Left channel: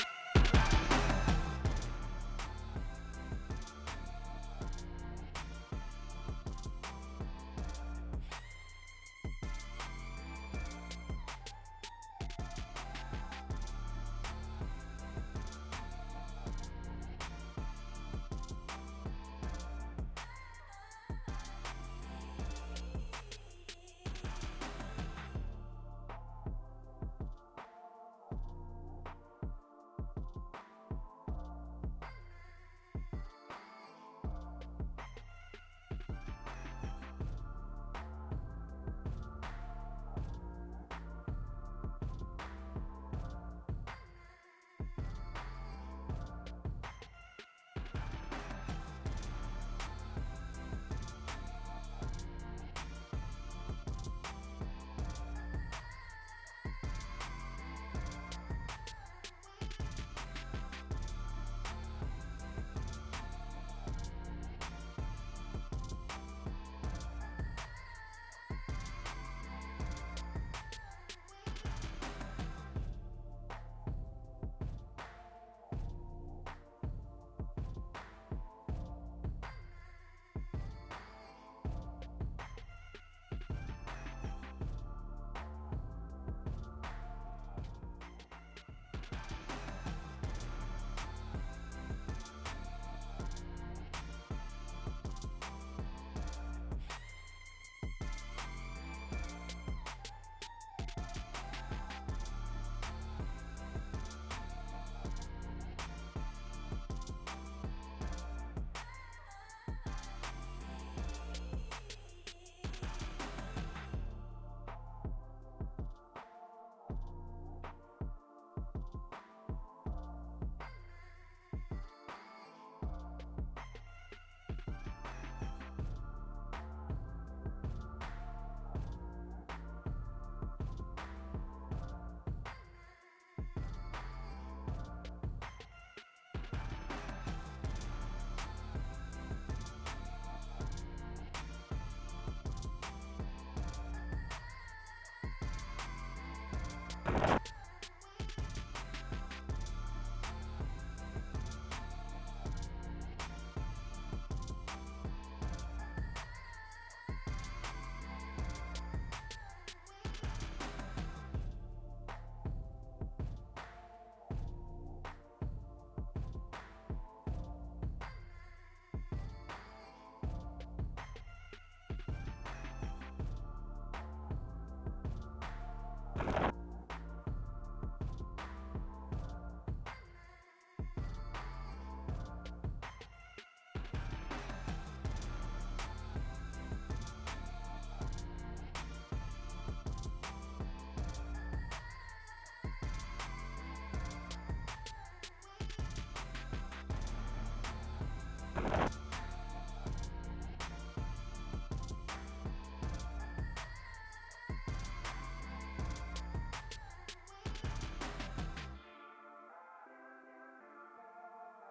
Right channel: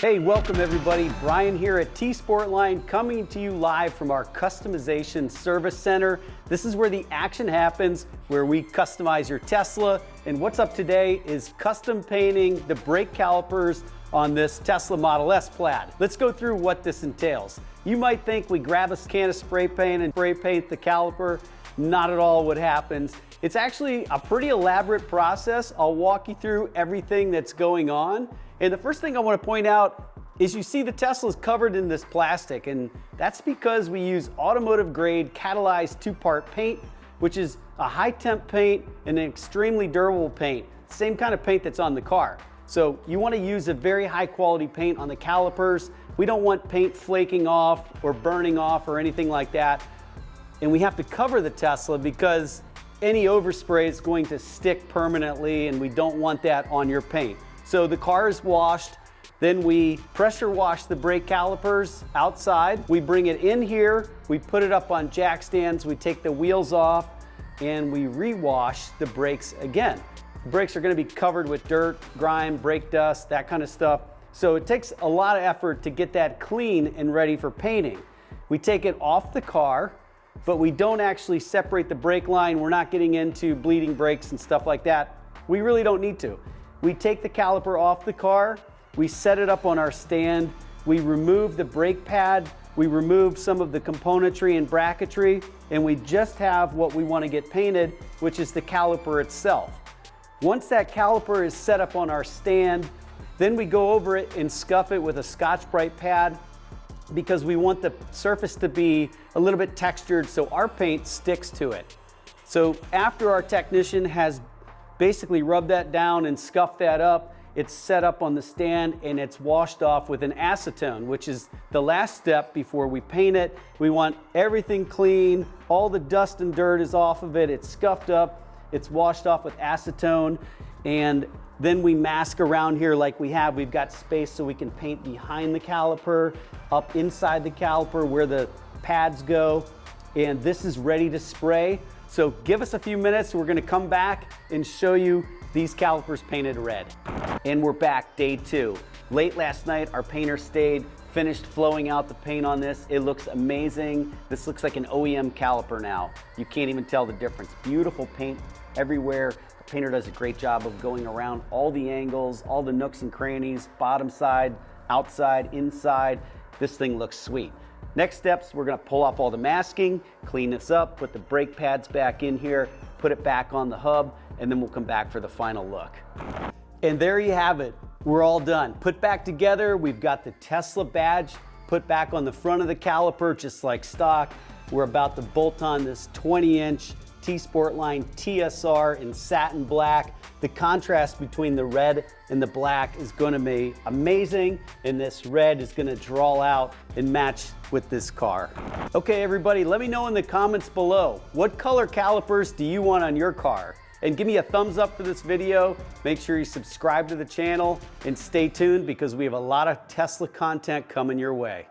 Hey, welcome everybody. Brian here at T-Sportline, coming to you live from our customization service center. This is where the action happens, where we customize your Tesla. And what's up today is custom painting the brake calipers on this Tesla Model S Plaid. Let's go through what this entails. You might think we grab a can of spray paint and spray paint the caliper. Not at all what happens. It's actually a pretty elaborate process. I'll walk you through everything that's going on. And the first thing I want to point out is you see the Tesla's covered in this plastic, and that's because we use automotive grade catalyzed two-part paint, which is a high temp paint and an extremely durable paint, same kind of paint that's on the car. So you want to use a very high quality paint on the calipers. We don't want paint flaking off or burning off or anything like that. And we have to cover the Tesla because any overspray is going to stick permanently, and we don't want that on your paint. So the car is washed, then we pressure wash the brake calipers outside. We bring it in here, we put it up on jack stands, we take the wheels off, and we rewash the brakes again. The brakes are going to be covered with dirt, grime, brake dust, that kind of stuff. So it takes a lot of effort to get that clean and ready for painting. We take it off the car, but we don't actually separate the brake line. We're not getting into bleeding brakes and stuff like that. We really don't need to. We take the caliper off the car, we set it up on our stand, we remove the brake pad, we remove some of the componentry and bracketry, and we just have what we want to get painted, which is the caliper itself. Once that caliper is set up on our stand, then we go over it and scuff it with a Scotch-Brite pad, because we want the surface to be a little bit textured so our paint sticks to it. So after our technician has basically rubbed that down and scuffed that up, it's set up on the stand and it's washed off with an acetone, which is the last step before we paint it. We want everything clean, all the dust and dirt is off of it, it's scuffed up, it's washed off with acetone, and then we mask around here like we have. We've got space so we can paint behind the caliper, up inside the caliper where the pads go, and this is ready to spray. So give us a few minutes, we're gonna come back and show you these calipers painted red. And we're back, day 2. Late last night, our painter stayed, finished flowing out the paint on this. It looks amazing. This looks like an OEM caliper now. You can't even tell the difference. Beautiful paint everywhere. The painter does a great job of going around all the angles, all the nooks and crannies, bottom side, outside, inside. This thing looks sweet. Next steps, we're gonna pull off all the masking, clean this up, put the brake pads back in here, put it back on the hub, and then we'll come back for the final look. And there you have it. We're all done. Put back together, we've got the Tesla badge put back on the front of the caliper, just like stock. We're about to bolt on this 20-inch T-Sportline TSR in satin black. The contrast between the red and the black is gonna be amazing, and this red is gonna draw out and match with this car. Okay, everybody, let me know in the comments below, what color calipers do you want on your car? And give me a thumbs up for this video. Make sure you subscribe to the channel and stay tuned because we have a lot of Tesla content coming your way.